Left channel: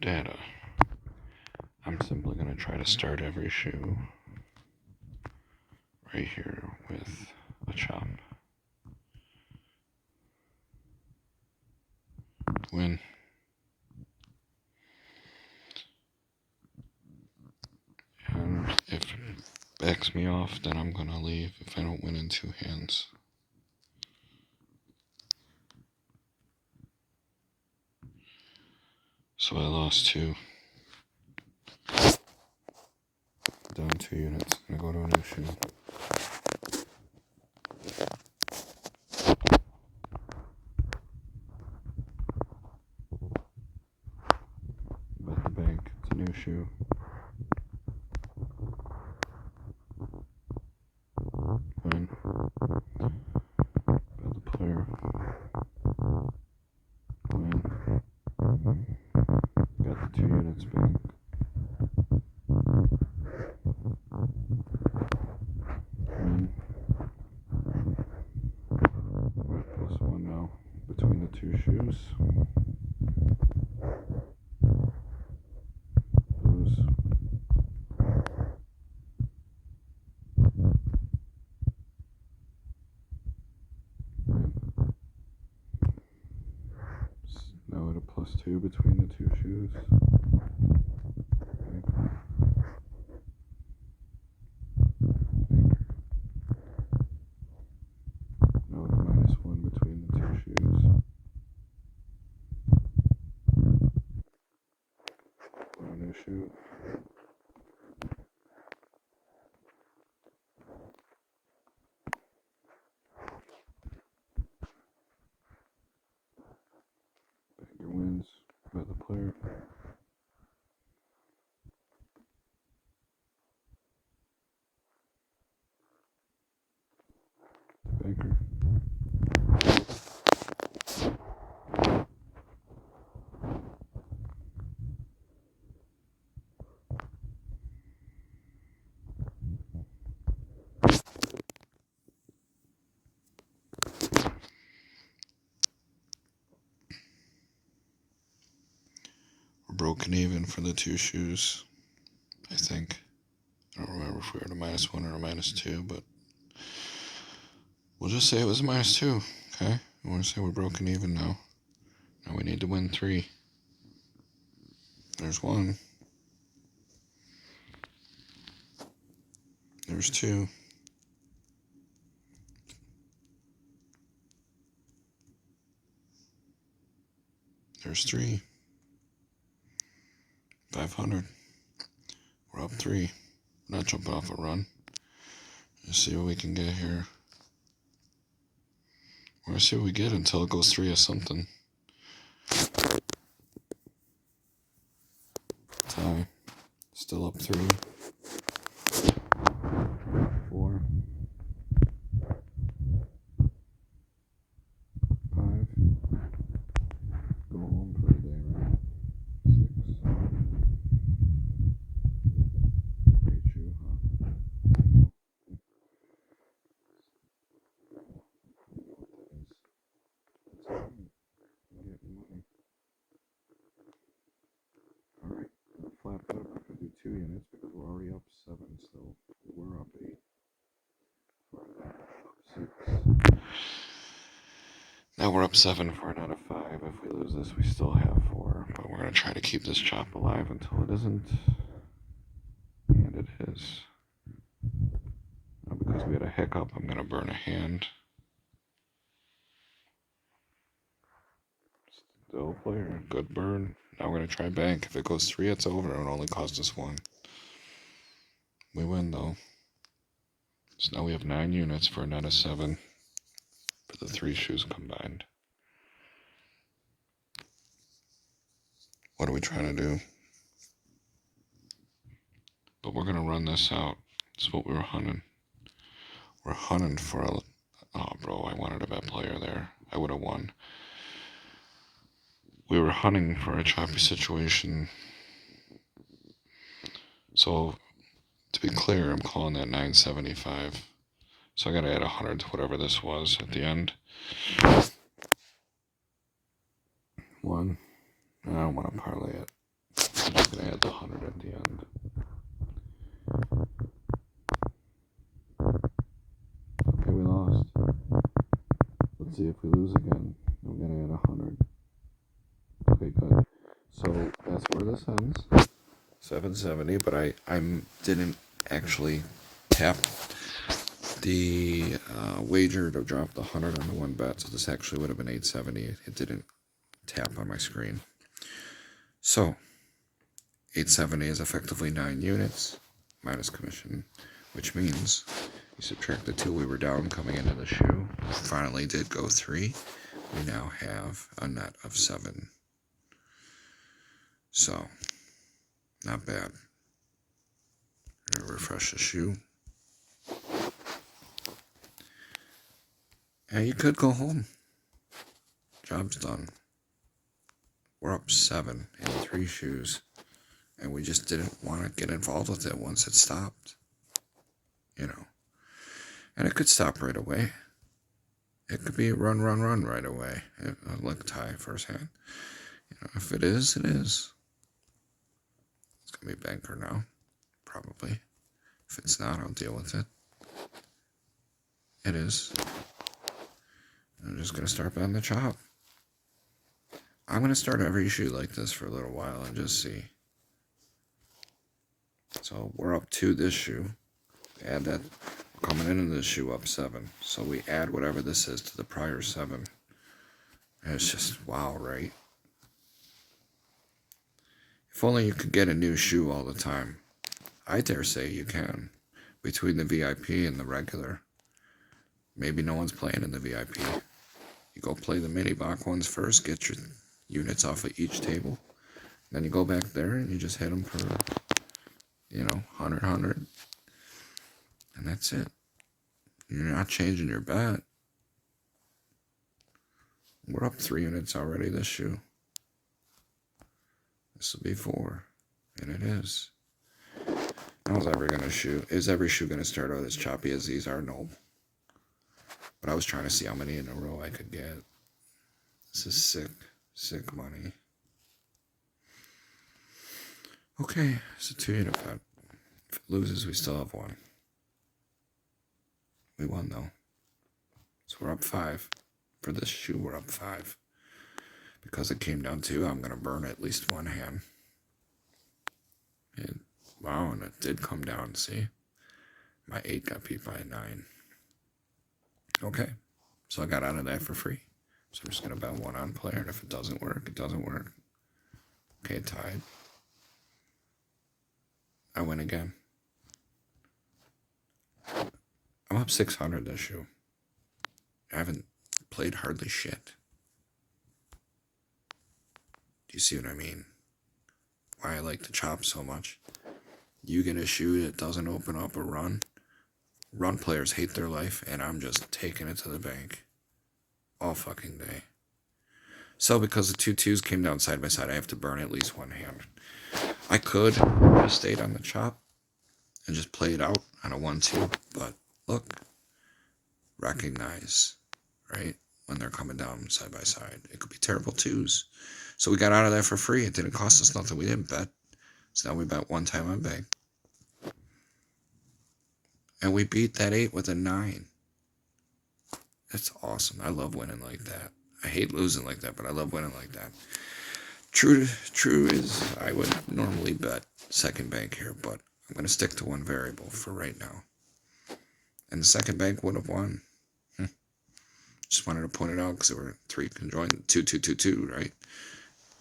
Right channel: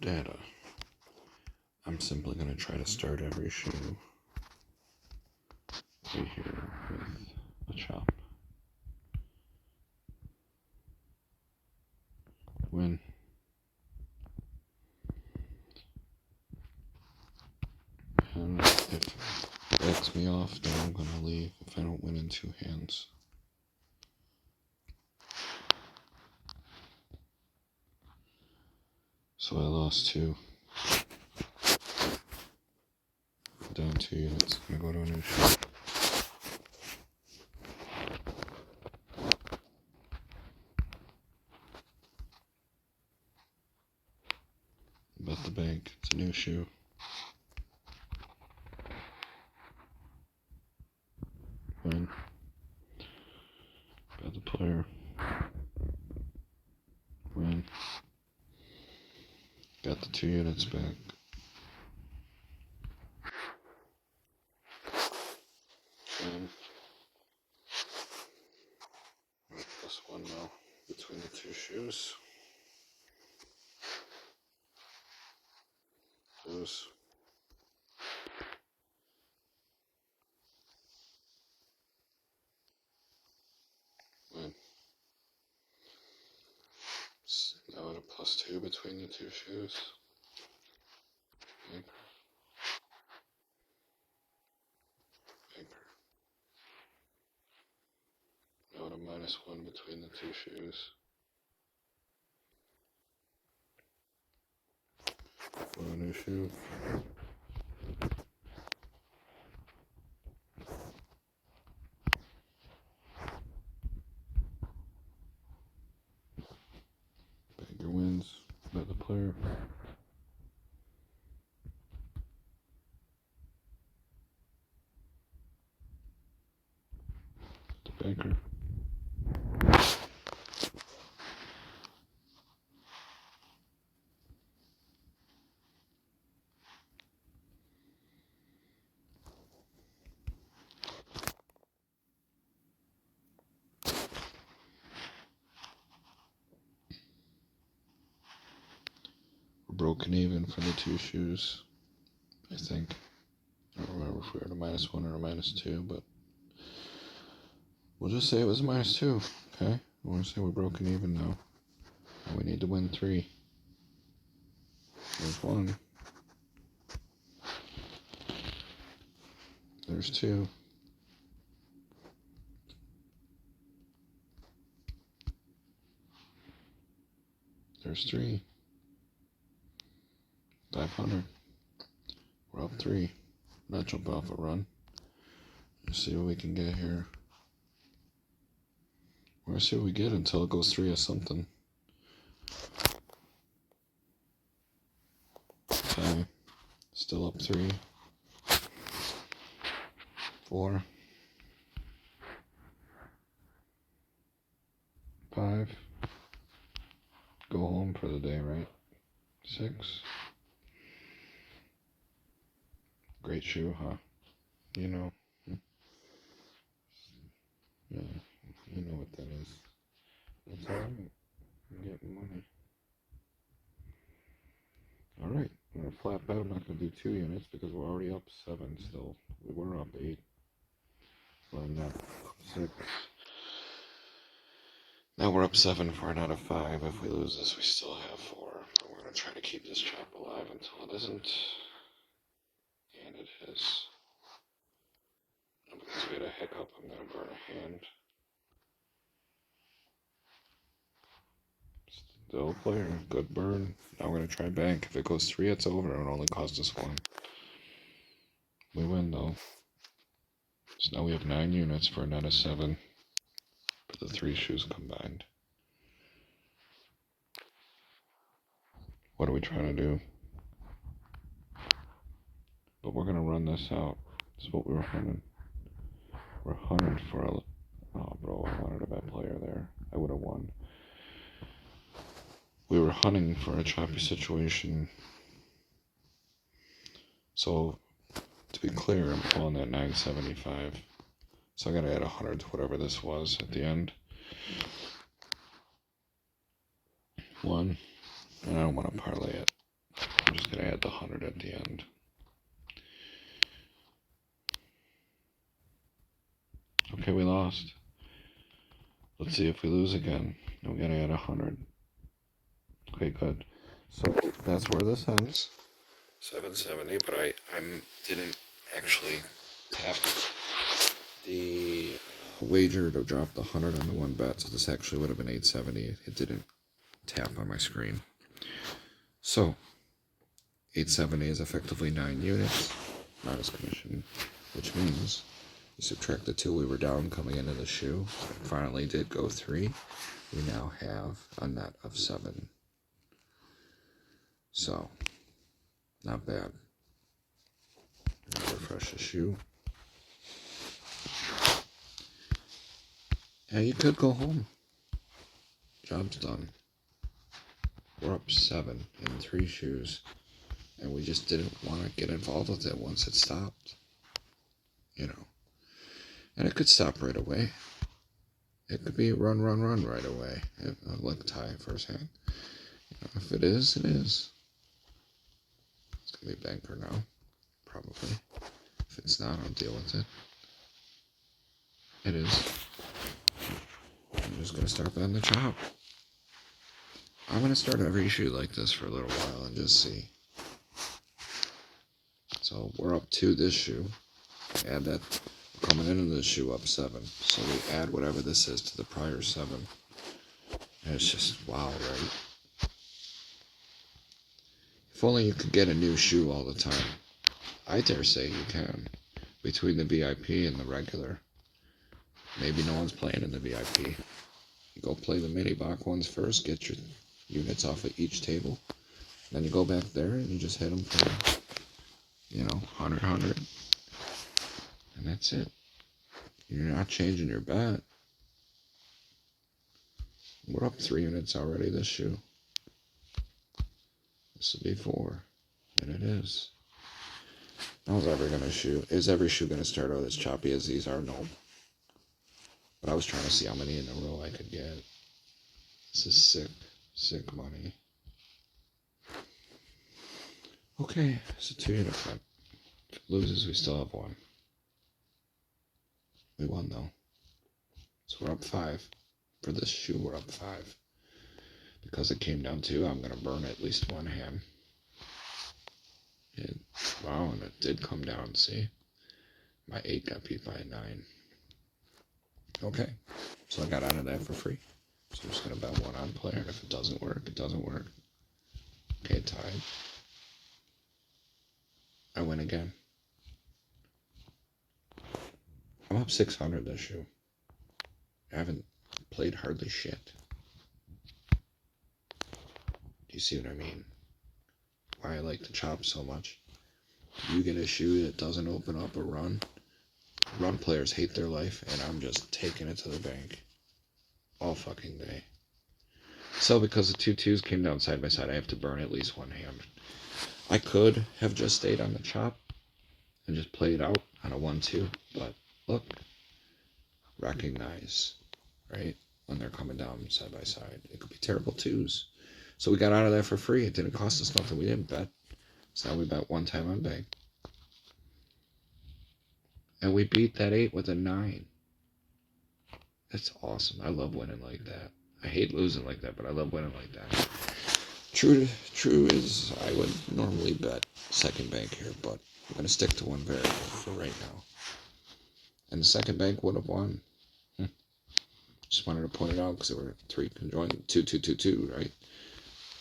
data. I'm simply going to try to start every shoe right here with a chop. Win. And if it backs me off, then I'm going to leave if I don't win in two hands. So I lost two. Down 2 units. I'm going to go to a new shoe. Bet the bank. It's a new shoe. Win. Bet the player. Win. Got the 2 units bank. Win. +1 now between the 2 shoes. Lose. Win. Now at a +2 between the 2 shoes. Bank. Bank. Now at a -1 between the 2 shoes. For a new shoe. Banker wins. Bet the player. The banker. We're broken even for the 2 shoes, I think. I don't remember if we were at a -1 or a -2, but we'll just say it was a -2, okay? I want to say we're broken even now. And we need to win 3. There's 1. There's 2. There's 3. 500. We're up 3. We're not jumping off a run. Let's see what we can get here. We're gonna see what we get until it goes 3 or something. 5. Still up 3. 4. 5. Go home for the day, right? 6. Great shoe, huh? You know. Yeah, you know what that is. That's alright. I'm getting money. Alright, I'm gonna flat bet I'm not gonna do 2 units because we're already up 7 still. We were up 8. Well, not 6. Now we're up 7 for an out of 5. If we lose this, we still have 4. But we're gonna try to keep this chop alive until it isn't. And it is. Now because we had a hiccup, I'm gonna burn a hand. Still player, good burn. Now we're gonna try bank. If it goes 3, it's over. It would only cost us 1. We win though. So now we have 9 units for a net of 7 for the 3 shoes combined. What are we trying to do? But we're gonna run this out. That's what we were hunting. We're hunting for a... Oh, bro, I wanted a bet player there. I would have won. We were hunting for a choppy situation. So, to be clear, I'm calling that 975. So I gotta add 100 to whatever this was at the end. 1. And I don't want to parlay it. I'm just going to add the 100 at the end. Okay, we lost. Let's see if we lose again. We got to add 100. Okay, good. So that's where this ends. 770, but I didn't actually tap the wager to drop the 100 on the one bet, so this actually would have been 870. It didn't tap on my screen. So 870 is effectively 9 units minus commission, which means you subtract the 2 we were down coming into the shoe. Finally did go 3. We now have a net of 7. So not bad. Refresh the shoe. And you could go home. Job's done. We're up 7 in 3 shoes. And we just didn't want to get involved with it once it stopped. You know. And it could stop right away. It could be run right away. Like tie first hand. You know, if it is, it is. It's going to be banker now. Probably. If it's not, I'll deal with it. It is. I'm just going to start betting the chop. I'm going to start every shoe like this for a little while and just see. So we're up 2 this shoe. Add that. We're coming into this shoe up 7. So we add whatever this is to the prior 7. And it's just wow, right? If only you could get a new shoe all the time. I dare say you can. Between the VIP and the regular. Maybe no one's playing in the VIP. You go play the mini box ones first, get your units off of each table. Then you go back there and you just hit them for, 100. And that's it. You're not changing your bet. We're up 3 units already this shoe. This will be 4. And it is. How's every shoe going to start out as choppy as these are? No. But I was trying to see how many in a row I could get. This is sick money. Okay, it's a 2 unit bet. If it loses, we still have 1. We won though. So we're up 5. For this shoe, we're up 5. Because it came down to, I'm going to burn at least 1 hand. Wow, and it did come down, see? My 8 got beat by a 9. Okay, so I got out of that for free. So I'm just going to bet 1 on player, and if it doesn't work, it doesn't work. Okay, tied. I win again. I'm up 600 this shoe. I haven't played hardly shit. Do you see what I mean? Why I like to chop so much. You get a shoe that doesn't open up a run. Run players hate their life, and I'm just taking it to the bank. All fucking day. So because the 2-2s came down side by side, I have to burn at least 1 hand. I could have just stayed on the chop and just played out on a 1-2, but look, recognize, right? When they're coming down side by side. It could be terrible 2s. So we got out of that for free. It didn't cost us nothing. We didn't bet. So now we bet 1 time on bank. And we beat that 8 with a 9. That's awesome. I love winning like that. I hate losing like that, but I love winning like that. True is I would normally bet second bank here, but I'm going to stick to 1 variable for right now. And the second bank would have won. Just wanted to point it out because there were 3 conjoined, 2-2-2-2, right?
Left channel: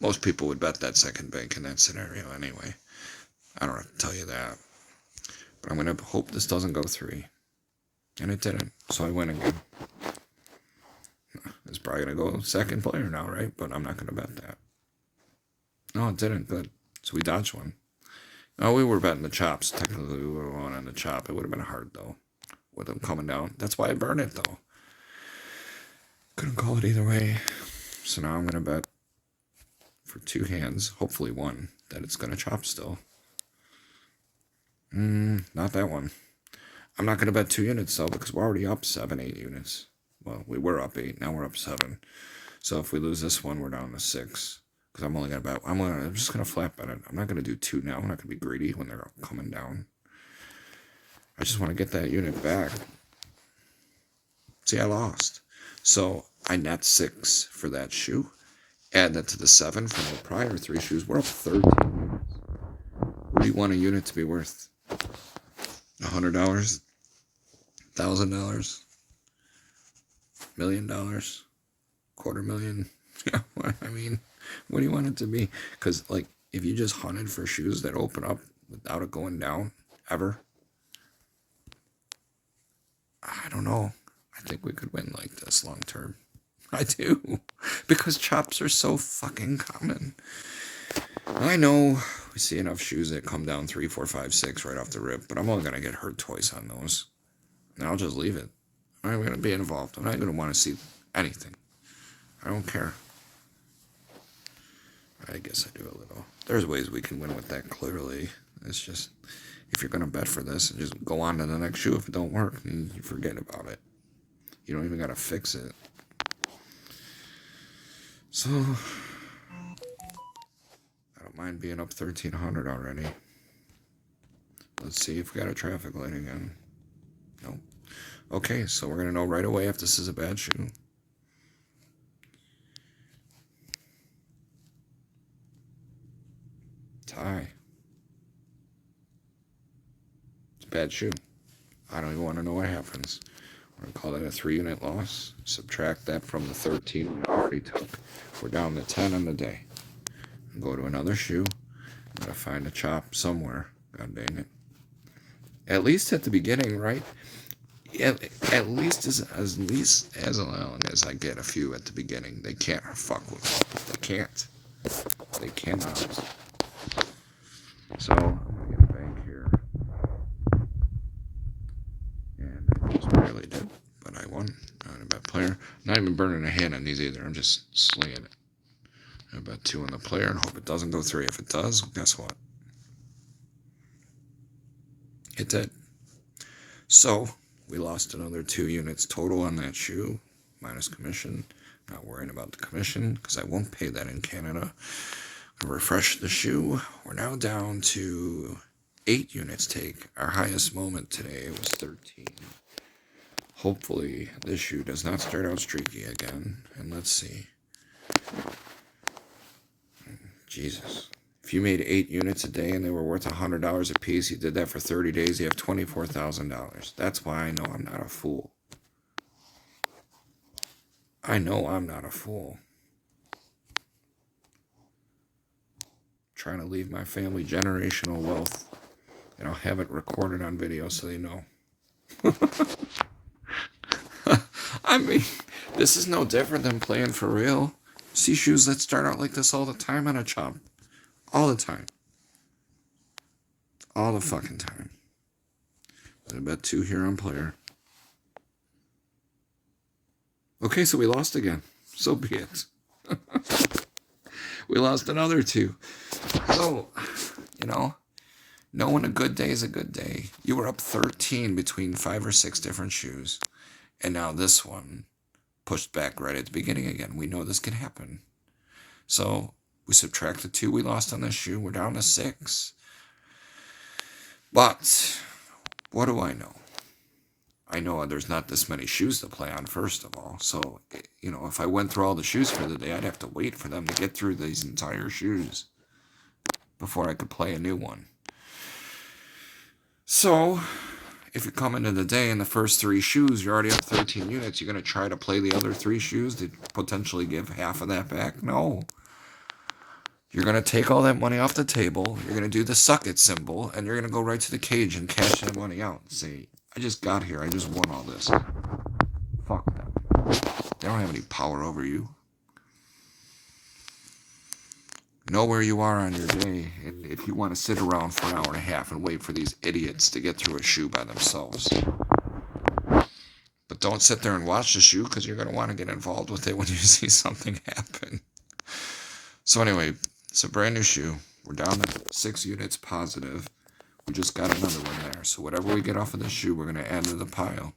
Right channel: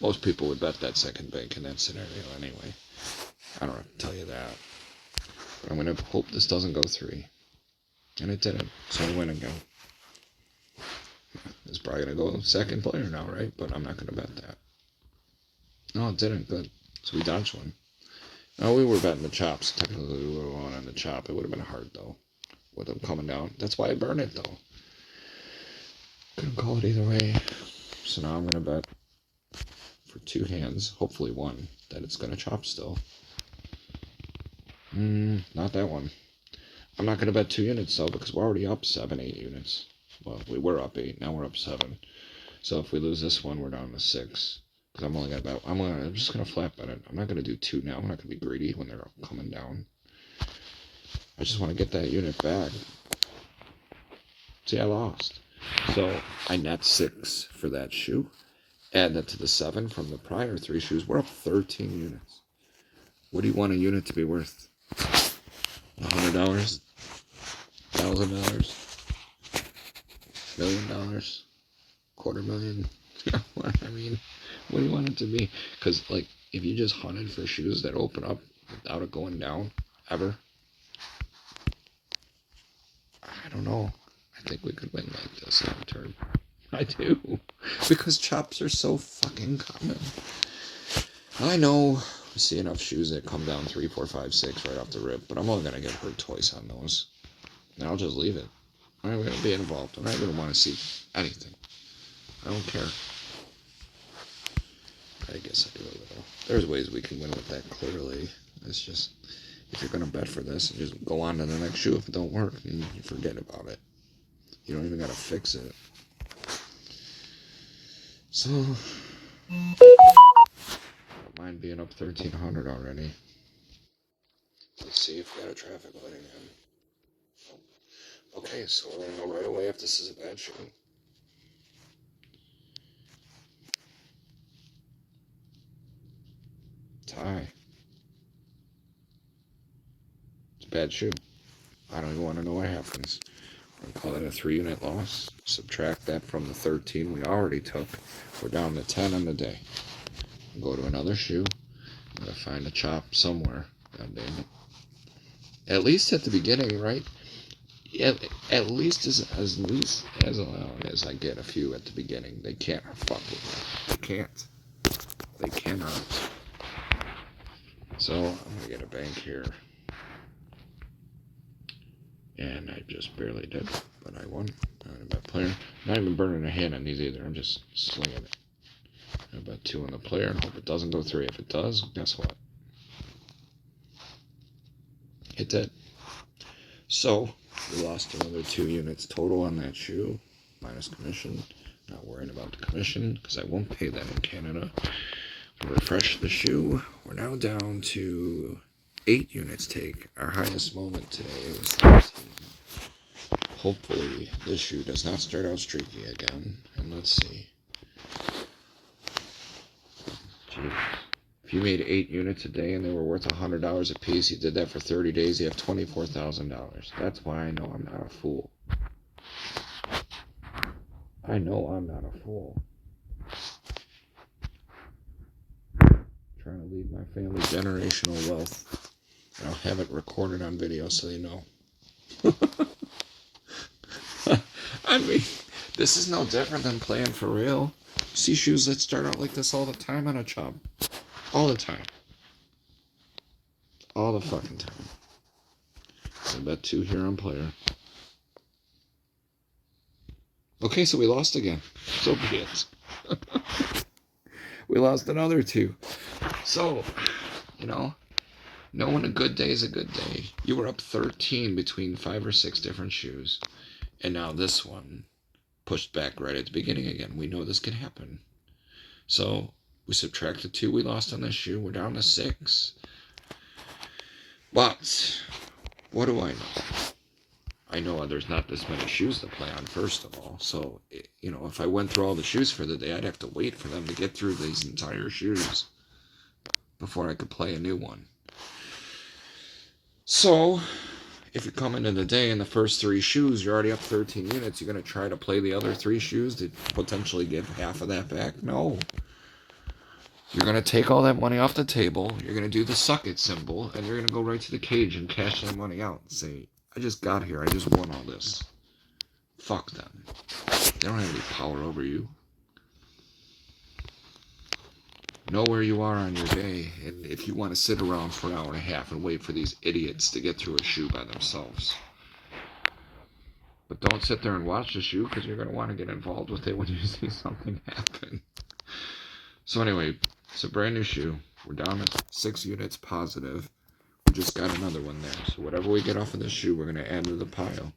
Most people would bet that second bank in that scenario anyway. I don't have to tell you that. But I'm going to hope this doesn't go 3. And it didn't, so I win again. It's probably going to go second player now, right? But I'm not going to bet that. No, it didn't. Good. So we dodged 1. No, we were betting the chops. Technically, we would have won on the chop. It would have been hard, though, with them coming down. That's why I burned it, though. Couldn't call it either way. So now I'm going to bet for 2 hands, hopefully 1, that it's going to chop still. Not that one. I'm not going to bet 2 units, though, because we're already up 7, 8 units. Well, we were up 8. Now we're up 7. So if we lose this one, we're down to 6. Because I'm just gonna flat bet it. I'm not gonna do 2 now. I'm not gonna be greedy when they're coming down. I just want to get that unit back. See, I lost. So I net 6 for that shoe. Add that to the 7 from the prior 3 shoes. We're up 13 units. What do you want a unit to be worth? $100? $1,000? $1 million? $250,000? I mean, what do you want it to be? Because, like, if you just hunted for shoes that open up without it going down, ever, I don't know. I think we could win like this long term. I do. Because chops are so fucking common. I know we see enough shoes that come down 3, 4, 5, 6 right off the rip, but I'm only going to get hurt twice on those. And I'll just leave it. I'm not going to be involved. I'm not going to want to see anything. I don't care. I guess I do a little. There's ways we can win with that, clearly. It's just, if you're going to bet for this, and just go on to the next shoe. If it don't work, then you forget about it. You don't even got to fix it. So, I don't mind being up 1,300 already. Let's see if we got a traffic light again. Nope. Okay, so we're going to know right away if this is a bad shoe. Tie. It's a bad shoe. I don't even want to know what happens. We're going to call it a 3-unit loss. Subtract that from the 13 we already took. We're down to 10 on the day. Go to another shoe. I'm going to find a chop somewhere. God dang it. At least at the beginning, right? At least as long as I get a few at the beginning. They can't fuck with me. They can't. They cannot. So, I'm going to get a bank here. And I just barely did, but I won. Not a bad player. Not even burning a hand on these either. I'm just slinging it. I bet 2 on the player and hope it doesn't go 3. If it does, guess what? It did. So, we lost another 2 units total on that shoe, minus commission. Not worrying about the commission, because I won't pay that in Canada. Refresh the shoe. We're now down to 8 units take. Our highest moment today was 13. Hopefully, this shoe does not start out streaky again. And let's see. Jesus. If you made 8 units a day and they were worth $100 a piece, you did that for 30 days, you have $24,000. That's why I know I'm not a fool. I know I'm not a fool. Trying to leave my family generational wealth. And I'll have it recorded on video so they know. I mean, this is no different than playing for real. See shoes that start out like this all the time on a chop. All the time. All the fucking time. I bet 2 here on player. Okay, so we lost again. So be it. We lost another 2. So, you know, knowing a good day is a good day. You were up 13 between 5 or 6 different shoes. And now this one pushed back right at the beginning again. We know this can happen. So we subtract the 2 we lost on this shoe. We're down to 6. But what do I know? I know there's not this many shoes to play on, first of all. So, you know, if I went through all the shoes for the day, I'd have to wait for them to get through these entire shoes before I could play a new one. So, if you come into the day and the first 3 shoes, you're already up 13 units, you're going to try to play the other 3 shoes to potentially give half of that back? No. You're going to take all that money off the table, you're going to do the suck it symbol, and you're going to go right to the cage and cash that money out and say, I just got here, I just won all this. Fuck them. They don't have any power over you. Know where you are on your day, and if you want to sit around for an hour and a half and wait for these idiots to get through a shoe by themselves. But don't sit there and watch the shoe, because you're going to want to get involved with it when you see something happen. So anyway, it's a brand new shoe. We're down to 6 units positive. We just got another one there. So whatever we get off of this shoe, we're going to add to the pile.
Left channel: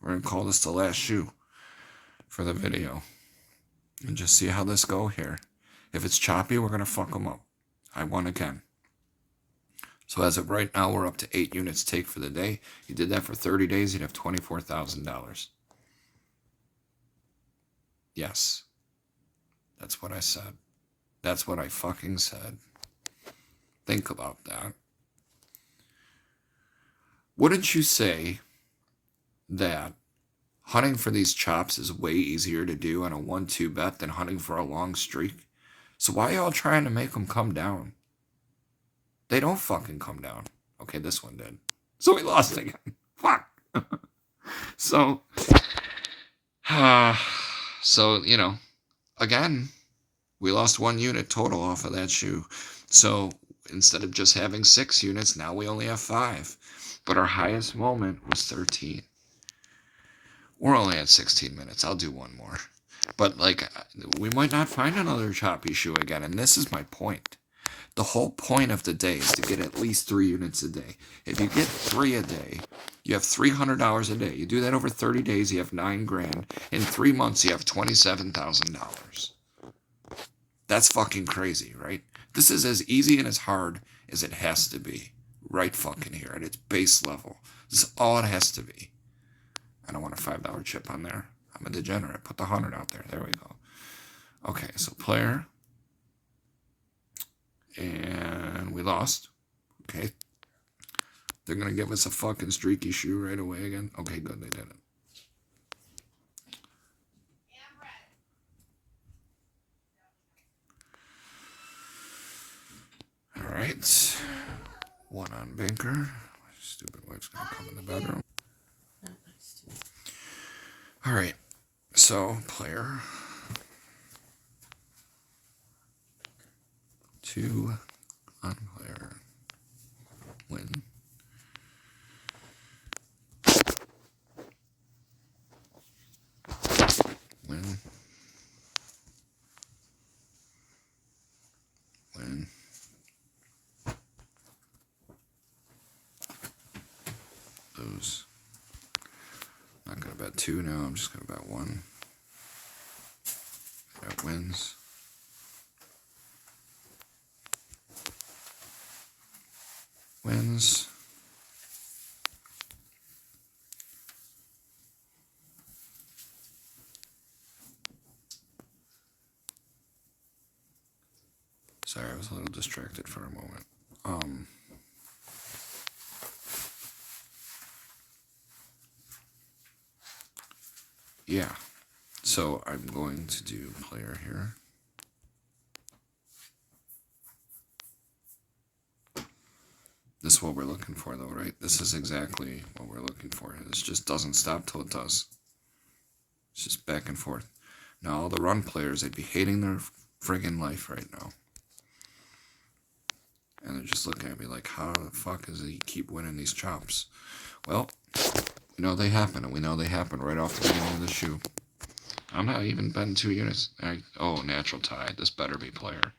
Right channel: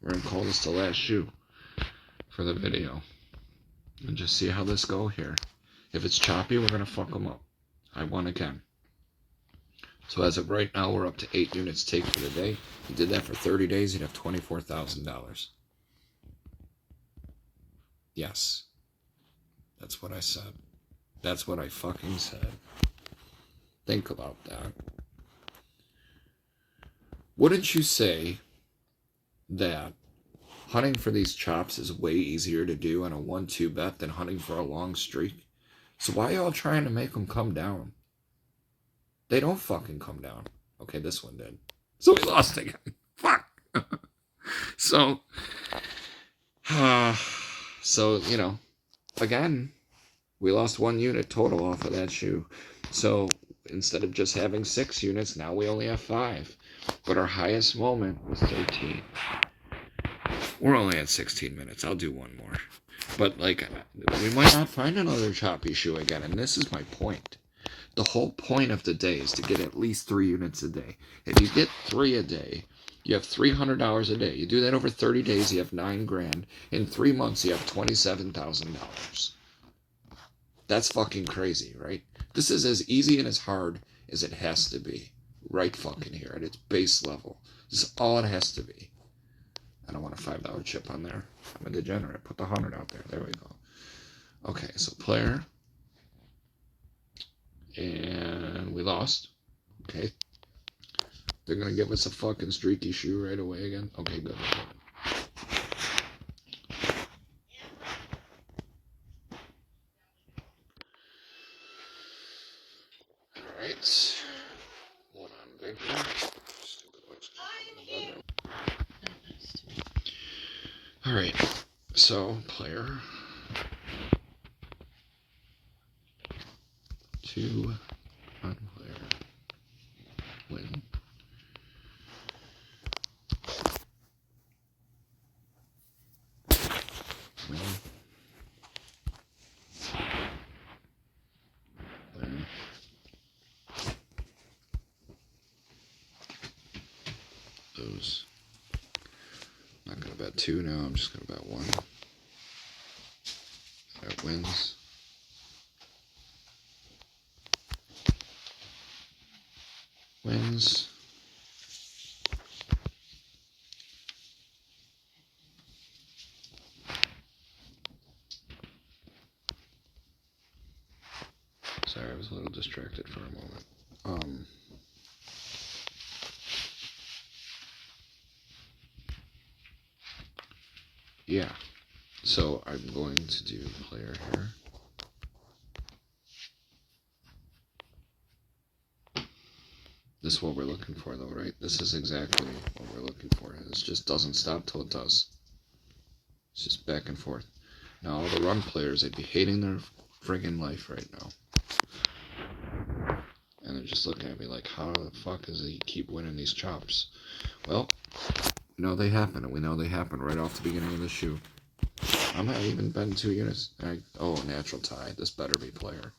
We're going to call this the last shoe for the video. And just see how this go here. If it's choppy, we're going to fuck them up. I won again. So as of right now, we're up to 8 units take for the day. You did that for 30 days, you'd have $24,000. Yes. That's what I said. That's what I fucking said. Think about that. Wouldn't you say that hunting for these chops is way easier to do on a 1-2 bet than hunting for a long streak? So why are y'all trying to make them come down? They don't fucking come down. Okay, this one did. So we lost again. Fuck. So, you know, again, we lost 1 unit total off of that shoe. So instead of just having 6 units, now we only have 5. But our highest moment was 13. We're only at 16 minutes. I'll do one more. But, like, we might not find another choppy shoe again. And this is my point. The whole point of the day is to get at least 3 units a day. If you get 3 a day, you have $300 a day. You do that over 30 days, you have $9 grand. In 3 months, you have $27,000. That's fucking crazy, right? This is as easy and as hard as it has to be. Right fucking here at its base level. This is all it has to be. I don't want a $5 chip on there. I'm a degenerate. Put the 100 out there. There we go. Okay, so player. And we lost. Okay. They're going to give us a fucking streaky shoe right away again. Okay, good. Alright. 1 on banker. Stupid wife's going to come in the bedroom. Alright. So, player. 2 on player. Win. Win. Win. Lose. Not gonna bet 2 now, I'm just gonna bet 1. That wins. Wins. Sorry, I was a little distracted for a moment. Yeah. So I'm going to do player here. This is what we're looking for, though, right? This is exactly what we're looking for. This just doesn't stop till it does. It's just back and forth. Now, all the run players, they'd be hating their friggin' life right now. And they're just looking at me like, how the fuck does he keep winning these chops? Well, we know they happen, and we know they happen right off the beginning of the shoe. I'm not even betting 2 units. Oh, natural tie. This better be player.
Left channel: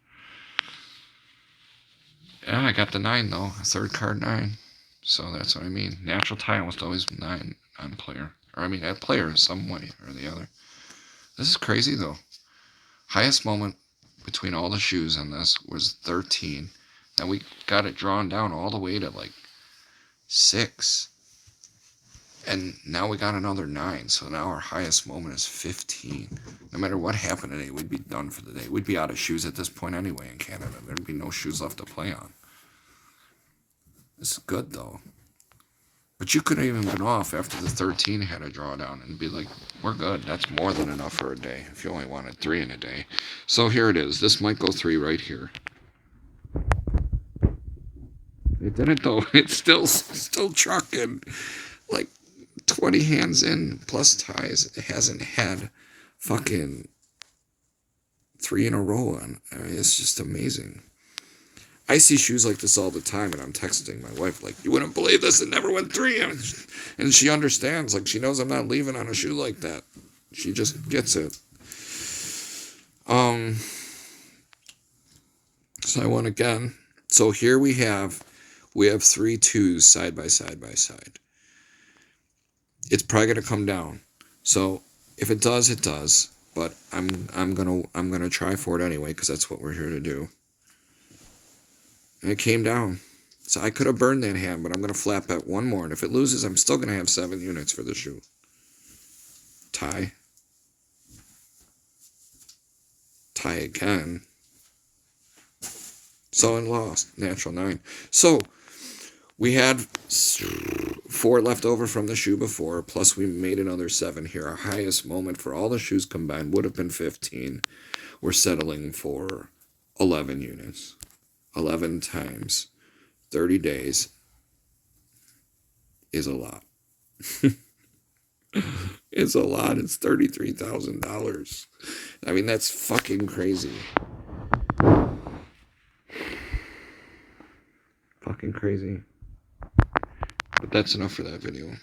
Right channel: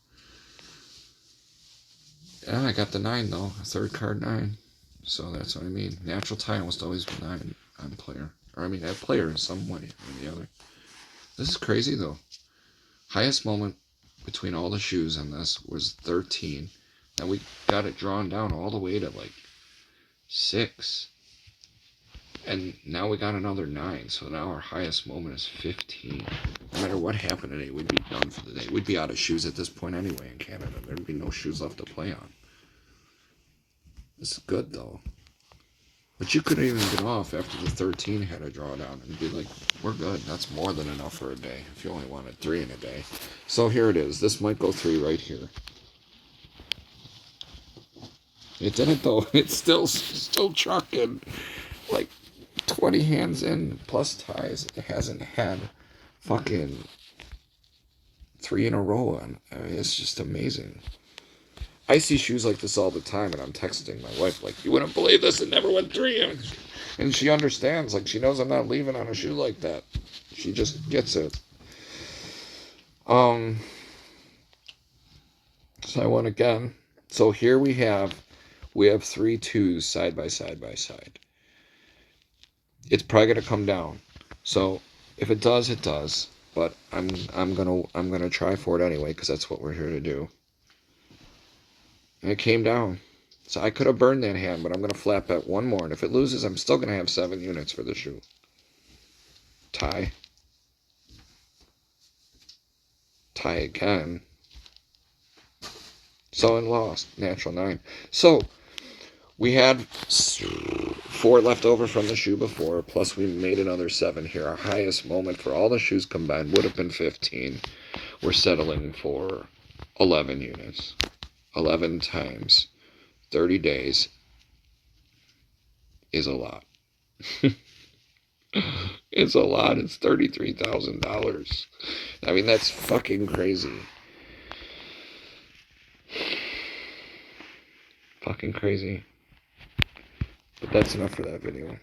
Yeah, I got the 9, though. A third card 9. So that's what I mean. Natural tie almost always 9 on player. Or, I mean, at player in some way or the other. This is crazy, though. Highest moment between all the shoes on this was 13. And we got it drawn down all the way to, like, 6. And now we got another 9. So now our highest moment is 15. No matter what happened today, we'd be done for the day. We'd be out of shoes at this point anyway in Canada. There'd be no shoes left to play on. This is good, though. But you could have even been off after the 13 had a drawdown and be like, we're good. That's more than enough for a day if you only wanted 3 in a day. So here it is. This might go 3 right here. It didn't, though. It's still trucking. Like 20 hands in plus ties. It hasn't had fucking 3 in a row on. I mean, it's just amazing. I see shoes like this all the time, and I'm texting my wife like, you wouldn't believe this, it never went 3. And she understands, like, she knows I'm not leaving on a shoe like that. She just gets it. So I won again. So here we have 3 2s side by side by side. It's probably going to come down. So if it does, it does. but I'm gonna try for it anyway because that's what we're here to do. And it came down. So I could have burned that hand, but I'm going to flat bet one more. And if it loses, I'm still going to have 7 units for the shoe. Tie. Tie again. So and lost. Natural 9. So we had 4 left over from the shoe before, plus we made another 7 here. Our highest moment for all the shoes combined would have been 15. We're settling for 11 units. 11 times 30 days is a lot. It's a lot. It's $33,000. I mean, that's fucking crazy. Fucking crazy. But that's enough for that video.